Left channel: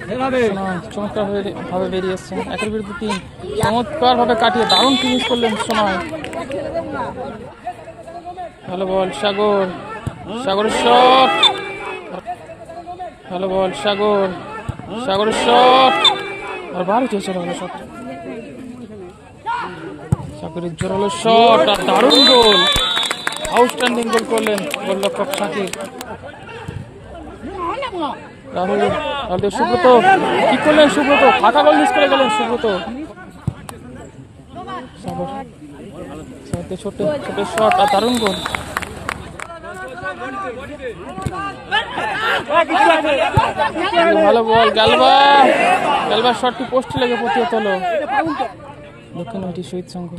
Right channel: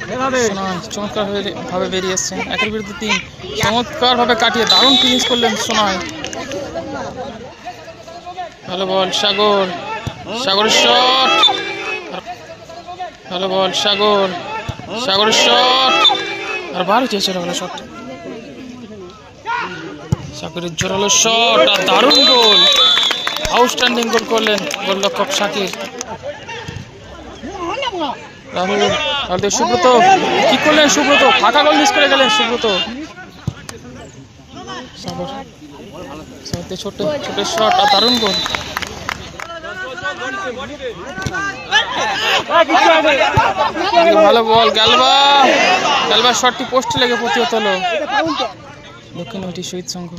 সোনাই চমৎকার ভাবে বেরিয়ে এসছেন, 1-এর বিরুদ্ধে 3, চমৎকার ভাবে কাটিয়ে দারুণ ফিনিশ করলেন সোনাই। ভালো বল সাগর, সাগরের শট, ভালো বল সাগর, সাগরের শট, আর বারো চেয়েছিল ভালো শট, সাগরের জোরালো শট আর দারুণ গোল, আউটস্ট্যান্ডিং গোল করলেন গোলরক্ষক শাকির। রাহুল সুব্রত কি করলেন, সুব্রত ফাঁকা গোল মিস করে গেলেন সুব্রত। সাগর ছোট ছোট শট আর দারুণ গোল। ভালো বল গ্যালবা, গ্যালবার শটটি পোস্টে লেগে প্রতিহত হলো। দক্ষিণ নৈটি শহীদ সংঘ,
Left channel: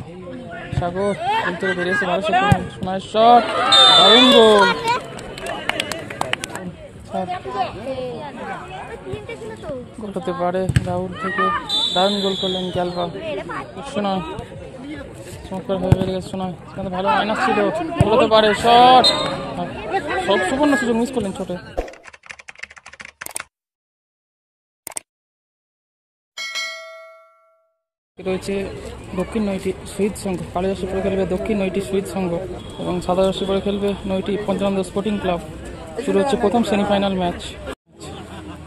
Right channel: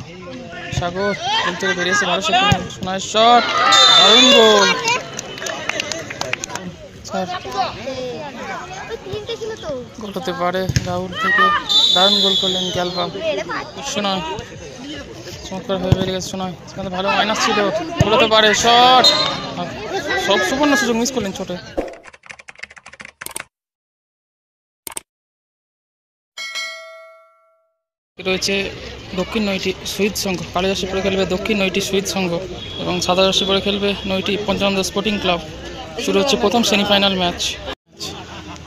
সাগর গোল থেকে বেরিয়েছে, ভালো শট, সোনার শট, দারুণ গোল। গোল হতে পারে রাহুল থেকে, দারুণ গোল করলেন গ্যালবা। সোনাই চমৎকার হয়ে বেরিয়ে গেছে সোনাই, ভালো মাইনাস ছিল, গোল হতে পারে, শট, সব সুবর্ণ সুযোগ মিস করলেন ছোটে। রয়েছে দক্ষিণ নৈটি শহীদ সংঘ, কালো জার্সি পরে খেলবে দক্ষিণ নৈটি শহীদ সংঘ এবং সাদা জার্সি পরে খেলবে নৈটি পঞ্চানন্দ স্পোর্টিং ক্লাব। শুরু হচ্ছে প্রথম সেমিফাইনাল ম্যাচ।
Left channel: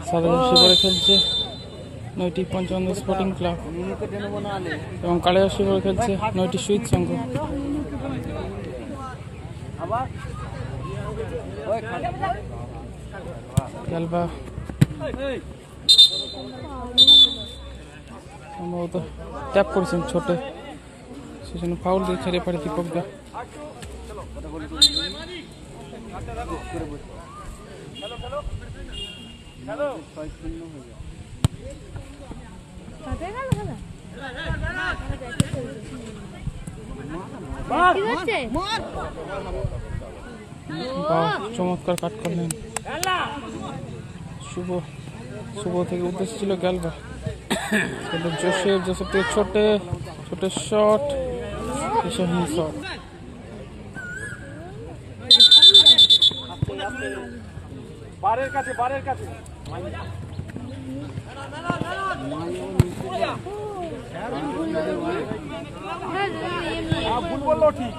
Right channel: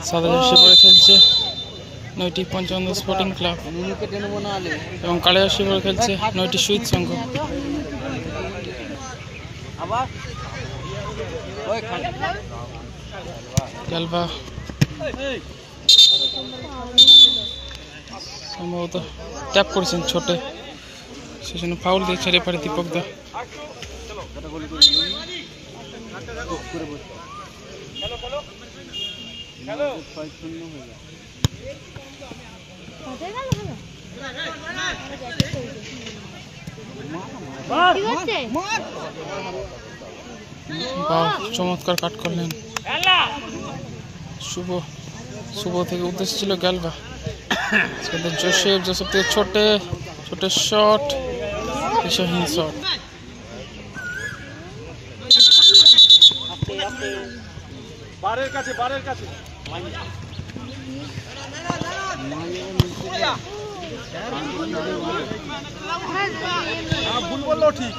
সাদা জার্সি পরে খেলছে নৈটি পঞ্চানন্দ স্পোর্টিং ক্লাব এবং কালো জার্সি পরে খেলছে নৈটি শহীদ সংঘ। গ্যালবা সম্ভবত ট্যাপ করেছেন ছোটে, সেজন্য ফাউল দিয়ে ছেড়ে পারে দীপক দা। বাহ চমৎকার কাট করলেন শুভ, শুভ থেকে উদ্দেশ্য ছিল গ্যালবা, জোসেফ, জোসেফ থেকে ছোটে, ছোটে শট, দিশাহীন শট। বারের কাছে, বারের কাছে ভুল বললো ঠিক।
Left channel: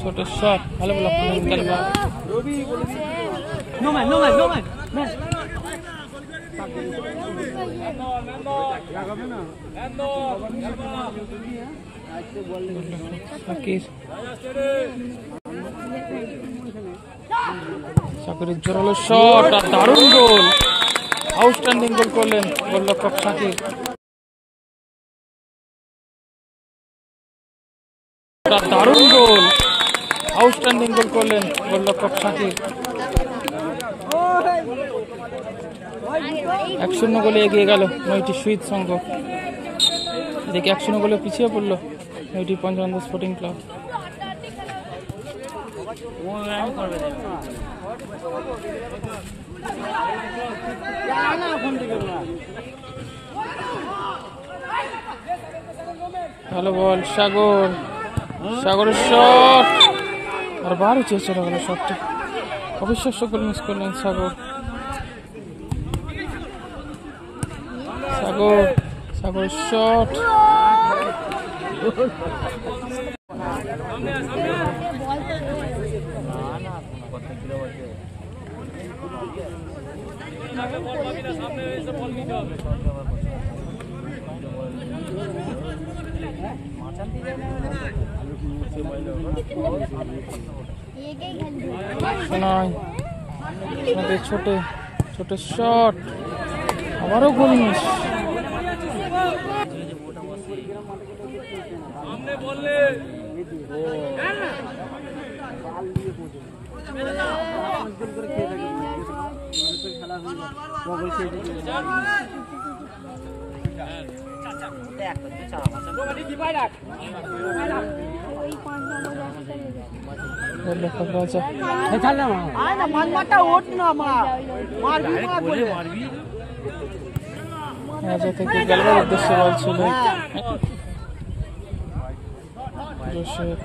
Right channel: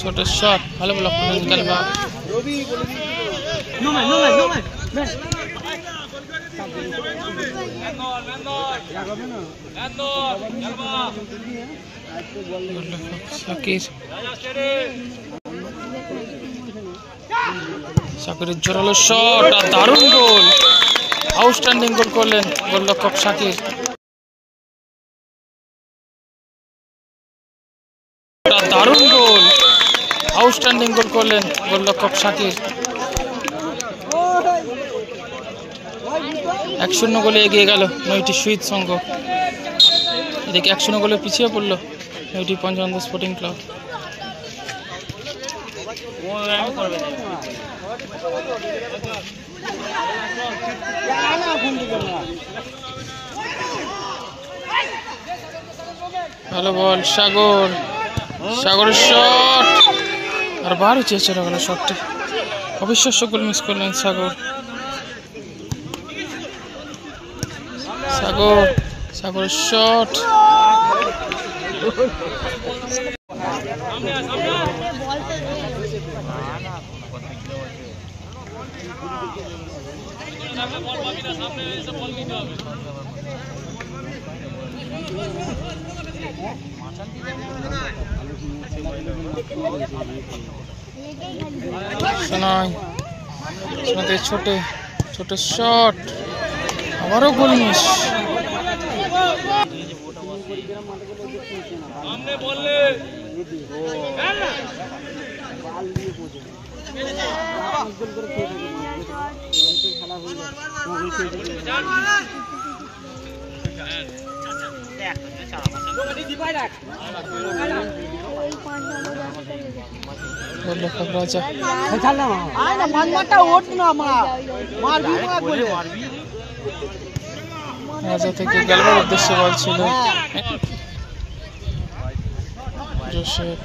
ছোট শট, ভালো ব্লক করলেন গ্যালবা। শাকিরের জোরালো শট আর দারুণ গোল, আউটস্ট্যান্ডিং গোল করলেন গোলরক্ষক শাকির। দারুণ গোল, আউটস্ট্যান্ডিং গোল করলেন গোলরক্ষক শাকির। 1-0 গোলে এগিয়ে গেল নৈটি শহীদ সংঘ, এদিকে 1-0 গোলে পিছিয়ে পড়ল নৈটি পঞ্চানন্দ স্পোর্টিং ক্লাব। ভালো বল সাগর, সাগরের শট আর বারো চেয়েছিল গেল শটটি, অবিশ্বাস্য গোল মিস করলেন সাগর। সাগর, সাগরের শট, সোনাই, সোনাতে ছোটে, ছোট শট, আবারও গোল মিস। রাজা রাজা থেকে গেলবার উদ্দেশ্যে বল ছিল। জোসেফ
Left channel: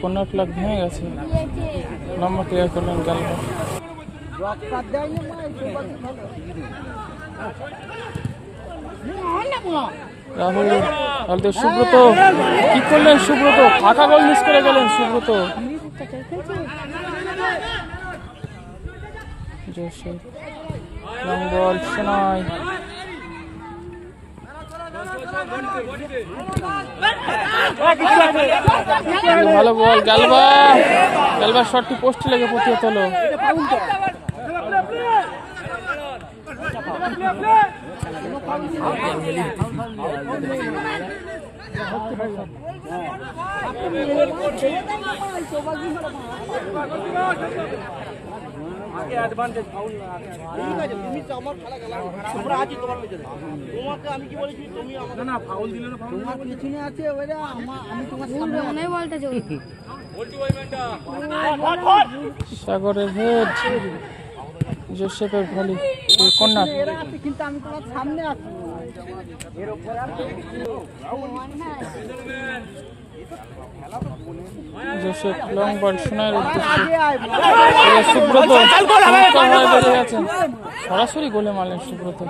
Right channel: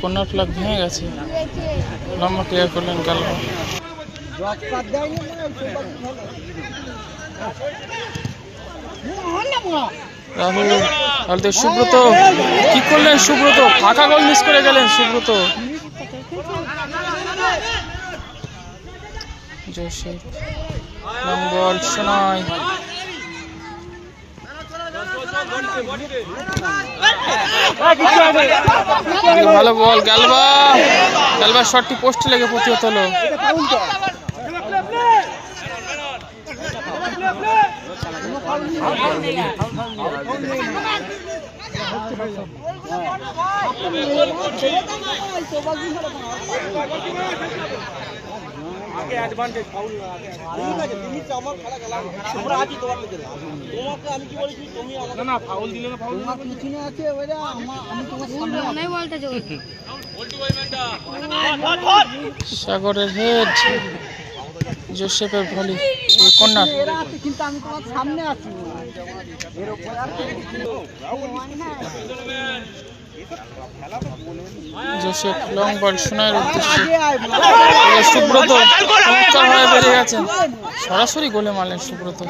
কর্নার ফ্ল্যাগ ভেঙে গেছে, লম্বা ক্লিয়ার করলেন গেলবার। রাহুল তাহলে সুব্রত কি করলেন? সুব্রত ফাঁকা গোল মিস করে গেলেন সুব্রত। জোসেফ লং বল শোনায়, ভালো বল গেলবার শটটি পোস্টে লেগে প্রতিহত হলো। সাগরের হেড, জোসেফের volley, corner. Joseph long ball শোনার উদ্দেশ্যে, সুব্রত চমৎকার হয়ে বেরিয়ে গেছেন, সরাসরি গোলে মারলেন সুব্রত।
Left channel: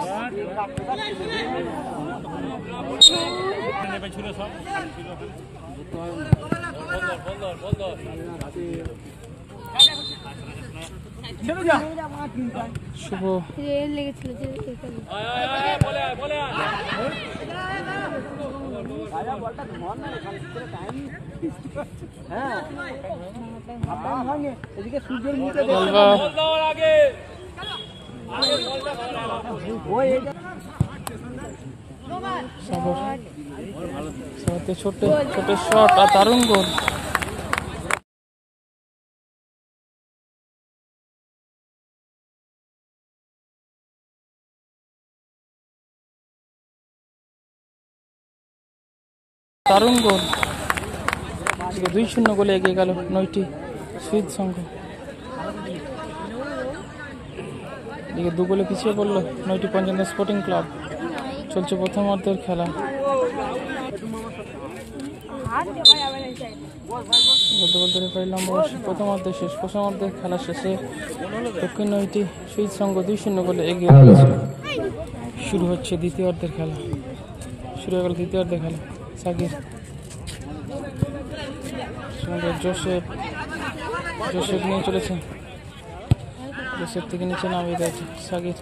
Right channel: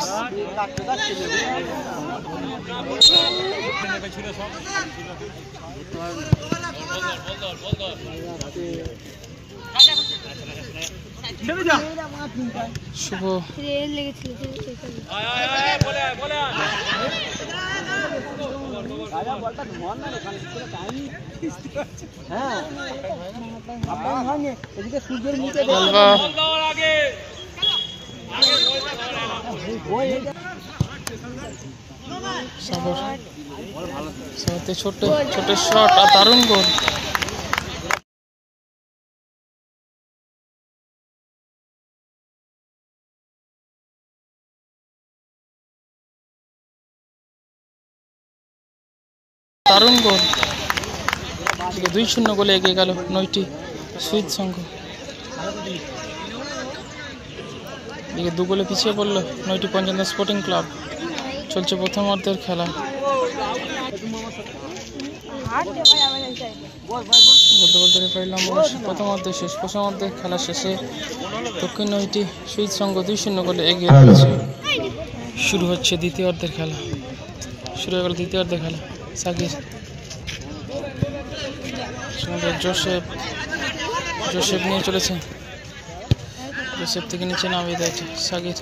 শুভ ছোট ছোট শট আর দারুণ গোল। দারুণ গোল, 2-0 গোলে এগিয়ে গেল নৈটি সুইট সংঘ। এদিকে 2 গোলে পিছিয়ে পড়লো নৈটি পঞ্চগড় স্পোর্টিং ক্লাব। চলছে প্রথম অর্ধের খেলা। বলতে বলতে রেফারি লম্বা প্রথম অর্ধের শেষ। প্রথম অর্ধের খেলা শেষে দক্ষিণ নৈটি সুইট সংঘ 2-0 গোলে এগিয়ে রয়েছে। শুরু হচ্ছে দ্বিতীয় অর্ধের খেলা। শুরু হয়ে গেল দ্বিতীয় অর্ধের খেলা। সাকির, জোসেফ নিয়ে চলেছে, জোসেফ থেকে নিচে নামিয়ে দিয়েছে সাকির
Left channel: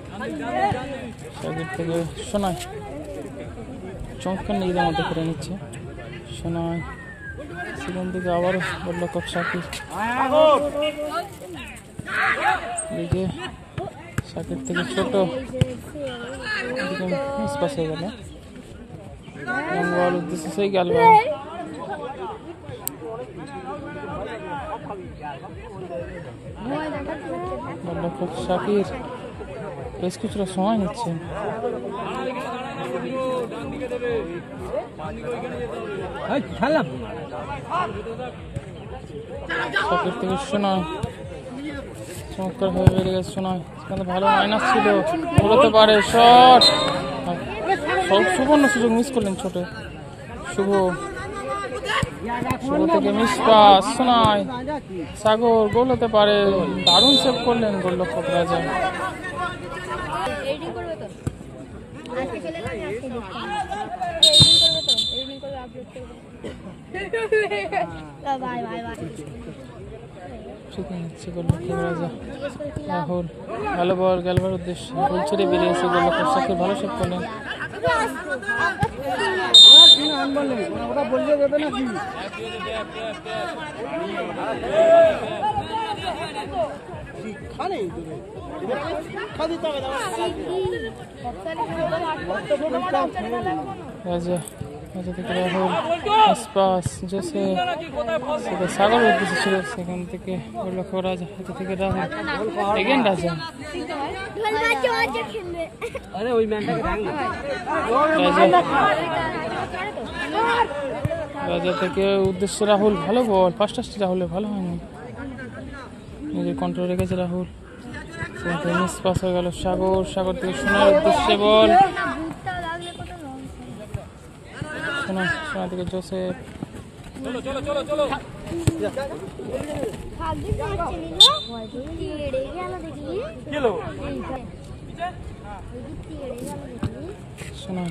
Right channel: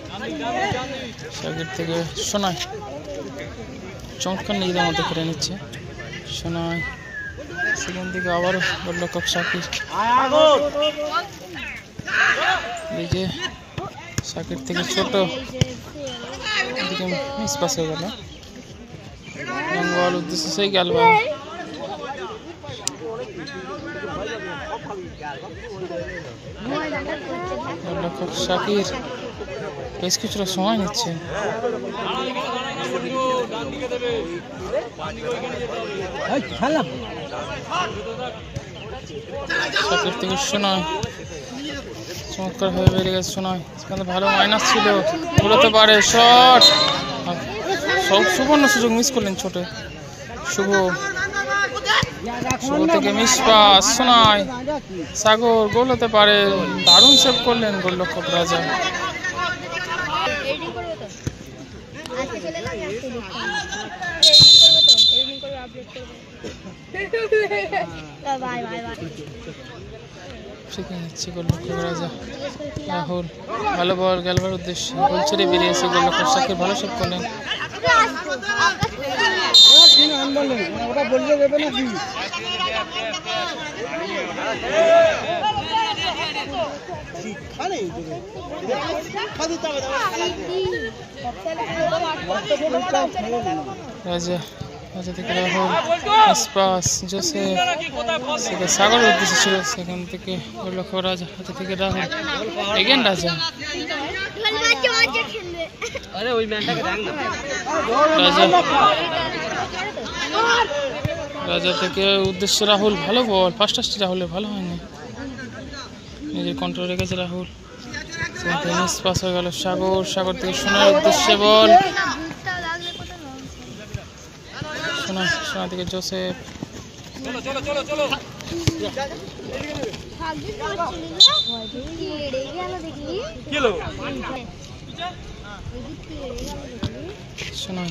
থেকে সোনাই, চমৎকার নিজেদের মধ্যে কেড়ে নিচ্ছে সোনাই। সেখান থেকে আবারও গোলরক্ষক সাকির, এদিকে সাকির থেকে ছোট, এদিকে মিস পাস হয়ে গেল। বল উদ্দেশ্যে সেই গেলবার, গোলরক্ষক সাকির বেশ কিছুটা সময় নিচ্ছে। সাকির থেকে শোনায়, চমৎকার হয়ে বেরিয়ে গেছে শোনায়। সেখানে ভালো মাইনাস ছিল, ঘুরোতে পারে শট, সব সুবর্ণ সুযোগ মিস করলেন ছোটে। শুভ থেকে মিস পাস শোনায়, সাগর গোল হতে পারে, দারুণ সেভ করলেন গোলরক্ষক রাজা। শিখে নিচ্ছে গোলরক্ষক রাজা। রাহুল ভালো বল গেলবার উদ্দেশ্যে, গোল ছেড়ে বেরিয়েছে গোলরক্ষক সাকির, ভালো সেভ করলেন। রাজা থেকে রাহুল, পাস জোসেফ, সেটা সাগরের উদ্দেশ্যে ছিল, সেখান থেকে গোলরক্ষক রাজা, হাতে থেকে রাহুল, এগেন রাজা, রাজা থেকে উদ্দেশ্যে রাহুল, ভালো বল, ফার্স্ট রাহুলের ভালো হয়নি, নিজের কন্ট্রোল রেখেছে রাহুল। মিস পাস হয়ে গেল। সাগর, সাগর থেকে সোনার উদ্দেশ্যে বল। সোনা, সোনা থেকে জোসেফ। সোনাই,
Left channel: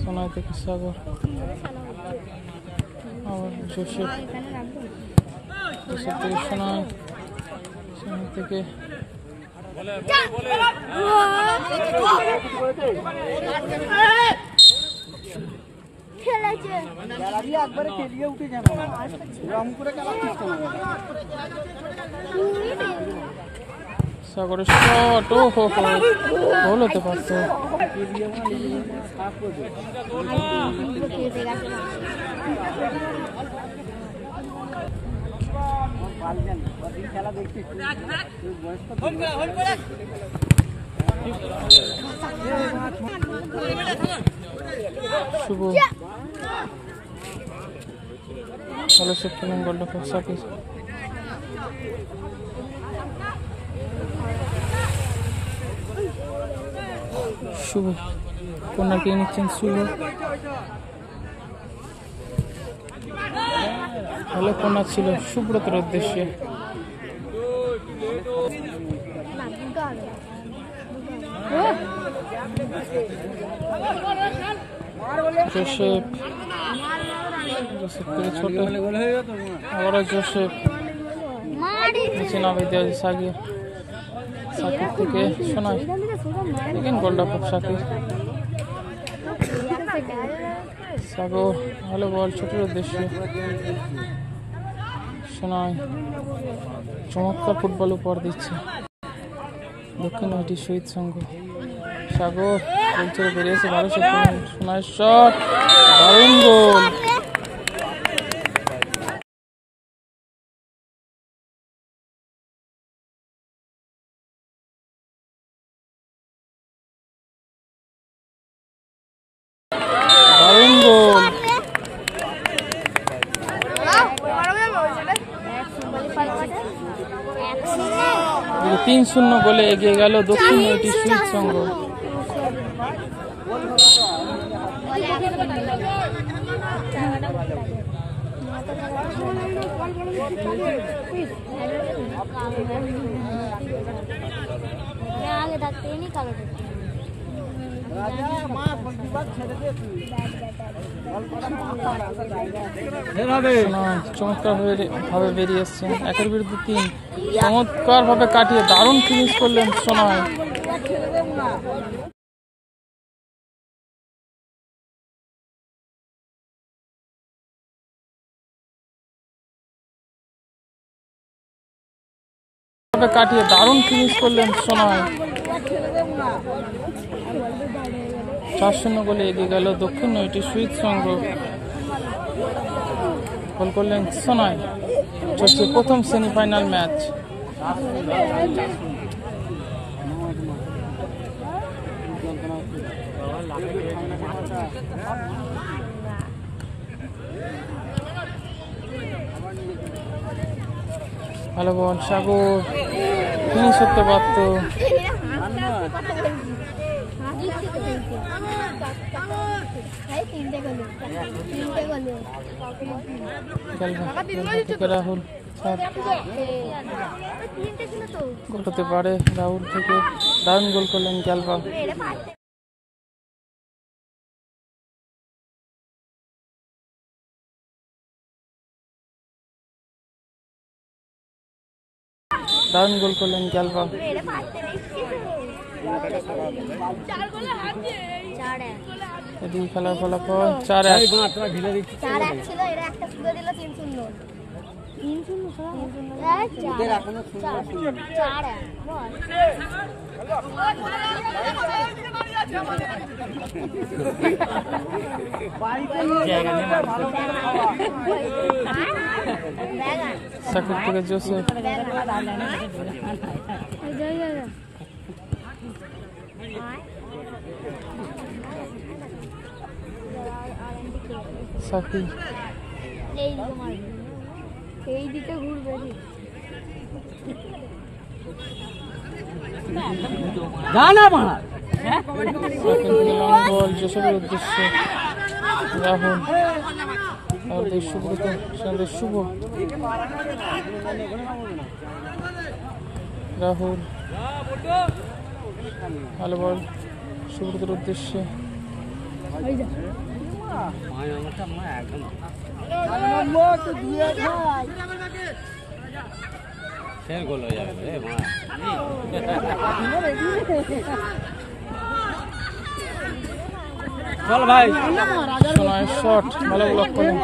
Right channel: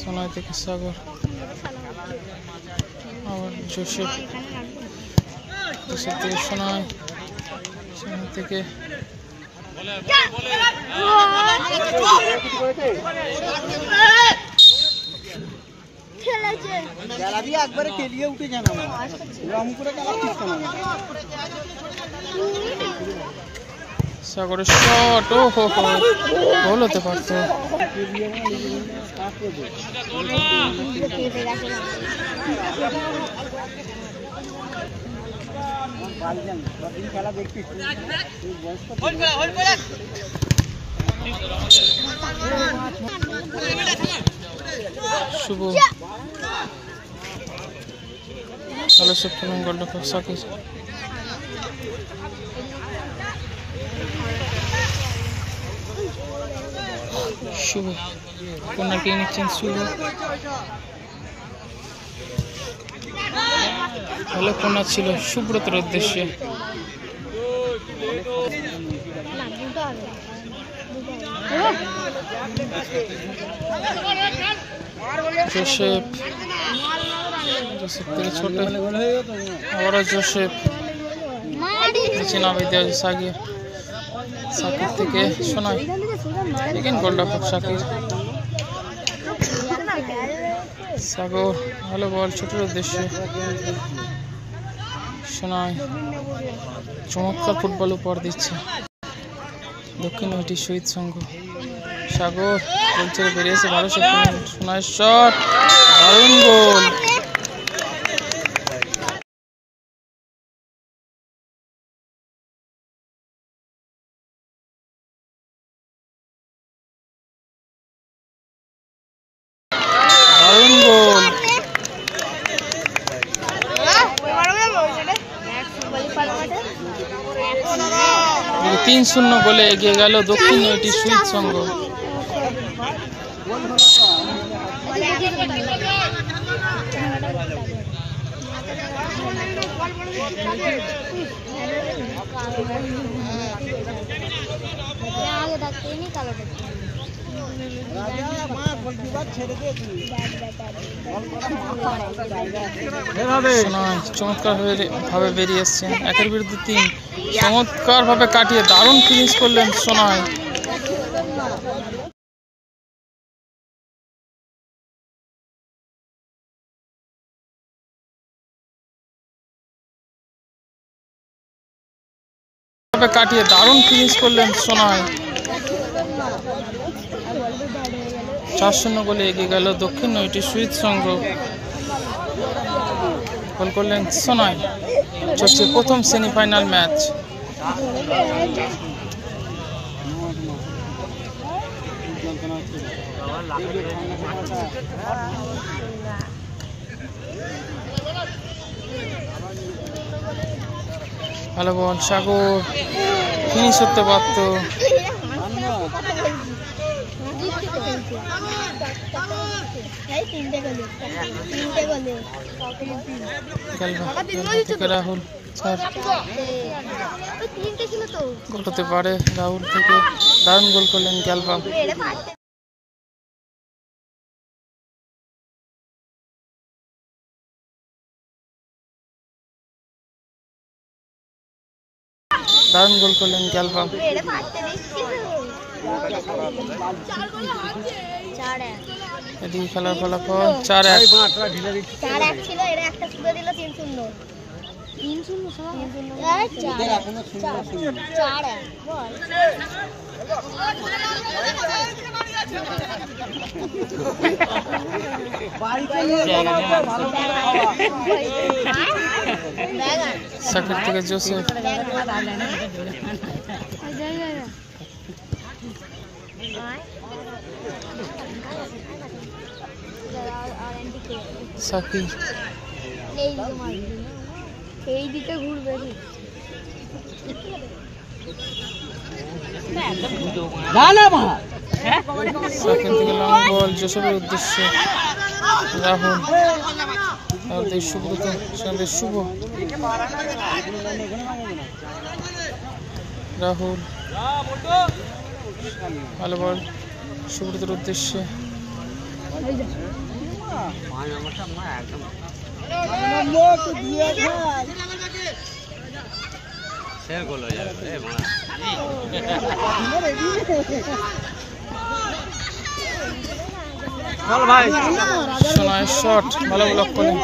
সোনাই থেকে সাগর, আবার জোসেফ, জোসেফ থেকে সোনাই, সোনাই থেকে সাগরের শট। ও হো হো, গোল হতে পারতো। শুভ ভালো সব খেলেন গোলরক্ষক সাকিব। শুভ কর্নার কে নিচ্ছেন শুভ। ভালো কর্নার ছিল সুব্রতর উদ্দেশ্যে। জোসেফ, জোসেফ থেকে ছোট, আবারও জোসেফ, নিচে নামিয়ে দেওয়া হয়েছে সাকিব। সাকিব থেকে সোনাই, দেখেন গোলরক্ষক সাকিব। সাগর ভালো বল ছোটের উদ্দেশ্যে। সোনাই চমৎকার ফুটবল উপহার দিচ্ছে দক্ষিণ নৈটি শহীদ সংঘ। সাগর গোল ছেড়ে বেরিয়েছে, ভালো শট। সোনাই শট, দারুণ গোল। দারুণ গোল। 3-0 গোলে এগিয়ে গেল দক্ষিণ নৈটি শহীদ সংঘ। চমৎকার ভাবে বেরিয়ে এসছেন, 1-এর বিরুদ্ধে 3, চমৎকার ভাবে কাটিয়ে দারুণ ফিনিশ করলেন সোনাই। কাটিয়ে দারুণ ফিনিশ করলেন সোনাই। 4-0 গোলে এগিয়ে গেল দক্ষিণ নৈটি শহীদ সংঘ। গোল করলেন সোনাই। চলছে প্রথম সেমিফাইনাল ম্যাচ। ভালো বল সাগর, ফিনিশ করতে পারত। থেকে রাহুল গোল হতে পারে। রাহুল থেকে দারুণ গোল করলেন গ্যালভা। দারুণ গোল করলেন গ্যালভা। এদিকে খেলার ফলাফল 4-1। সাকিব থেকে জোসেফ, সাকিব এই দিকে ঘুরবে। সাকিব থেকে লং বল জোসেফের উদ্দেশ্যে রাহুল, সুব্রত, সেখানে শুভ, রাহুল ভালো বল সুব্রতের উদ্দেশ্যে, সোনায় শট ভালো ব্লক করলেন।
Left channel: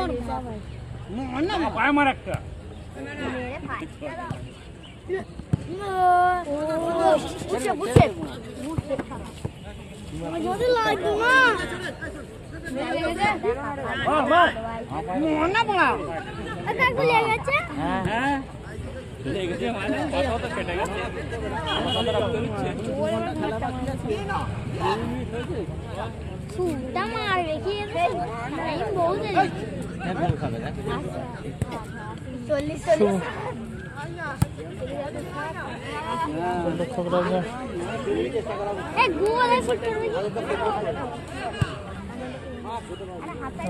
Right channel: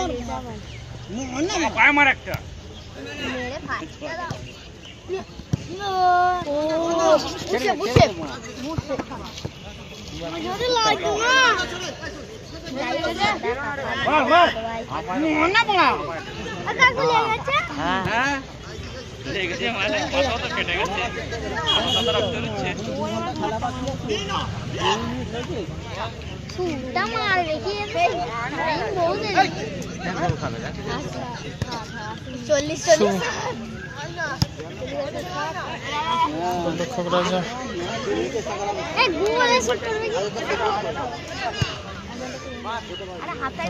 গোলরক্ষক রাজা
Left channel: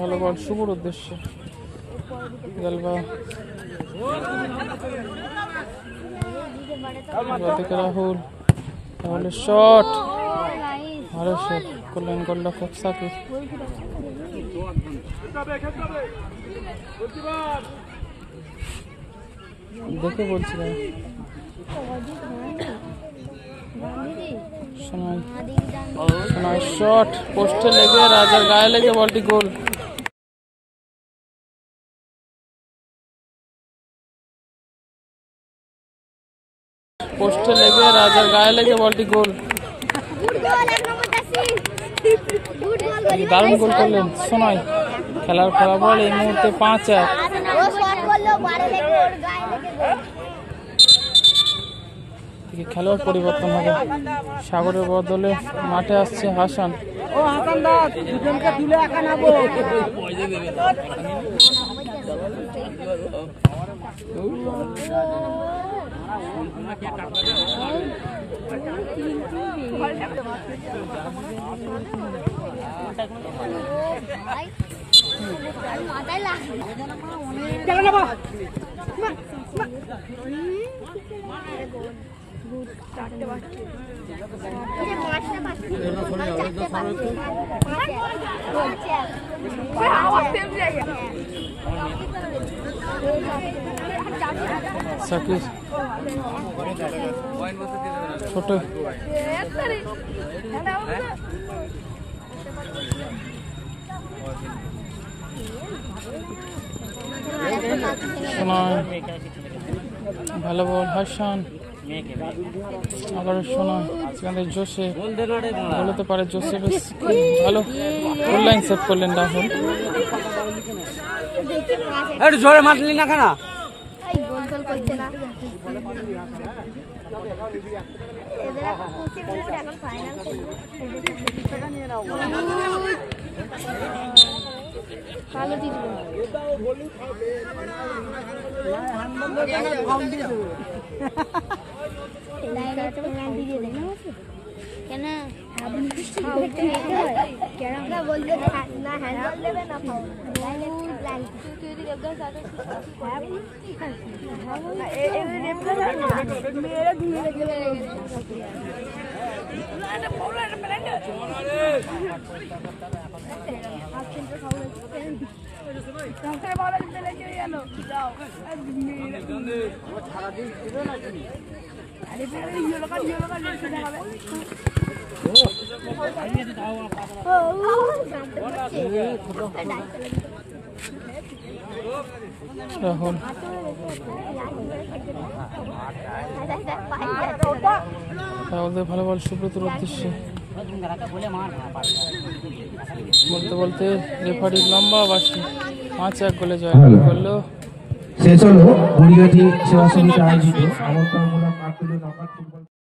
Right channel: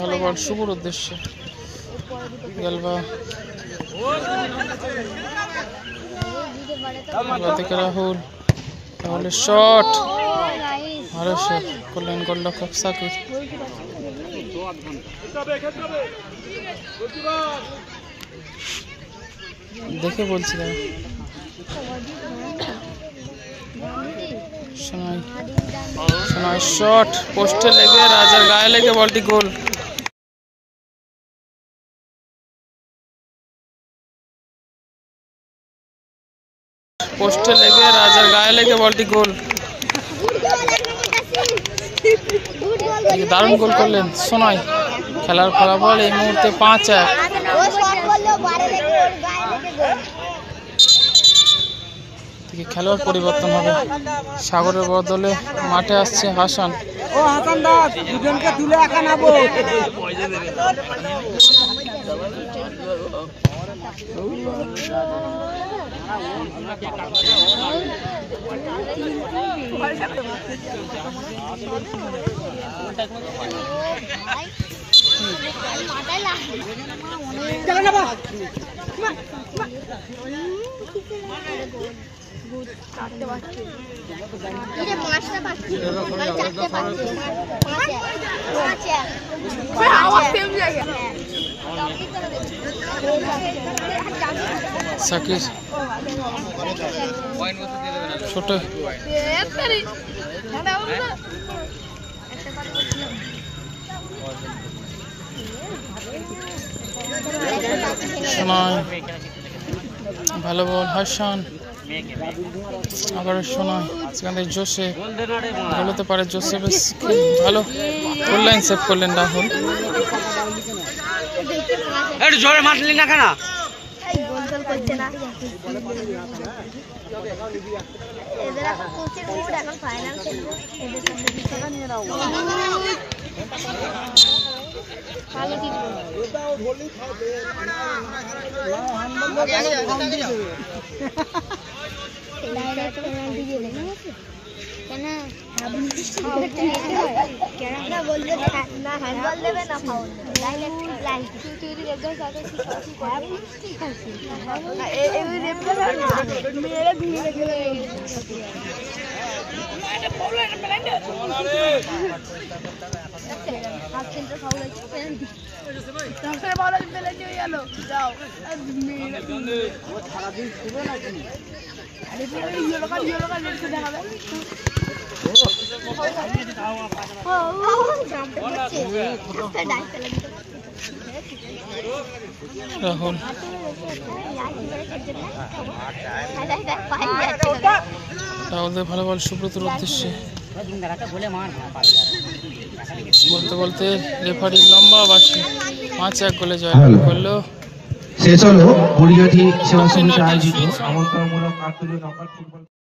ভালো বল শুভর উদ্দেশ্যে, গেলবা থেকে রাহুল, রাহুলের শট ভালো শট করলেন গোলরক্ষক সাকিব। দেখে বলছিলাম সোনাই শট পোস্টে লেগে রাজার গায়ে লেগে বলটি গোল। পোস্টে লেগে রাজার গায়ে লেগে বলটি গোল। দারুণ গোল করলেন সোনাই। খেলার ফলাফল এই মুহূর্তে 5-1। খেলোয়াড় পরিবর্তন হবে, সাগরের বদলে মাঠে আসছে হাসান। সাকিব ছোট সোনাই ভালো বল হাসান, আবার সোনাই সেখান থেকে জোসেফ বলতে পারে, জোসেফ ভালো গোল লাইন সেভ করলেন রাহুল। জোরে মারলি না কেন? রাহুল রাহুলদের ভালো বল সুব্রতর উদ্দেশ্যে, বলতে বলতে রেফারি লম্বা বাসি 5-1 গোলে জয় করলো। শেষ হলো বড়িয়াটি সেবা সমিতি আয়োজিত আমন্ত্রণমূলক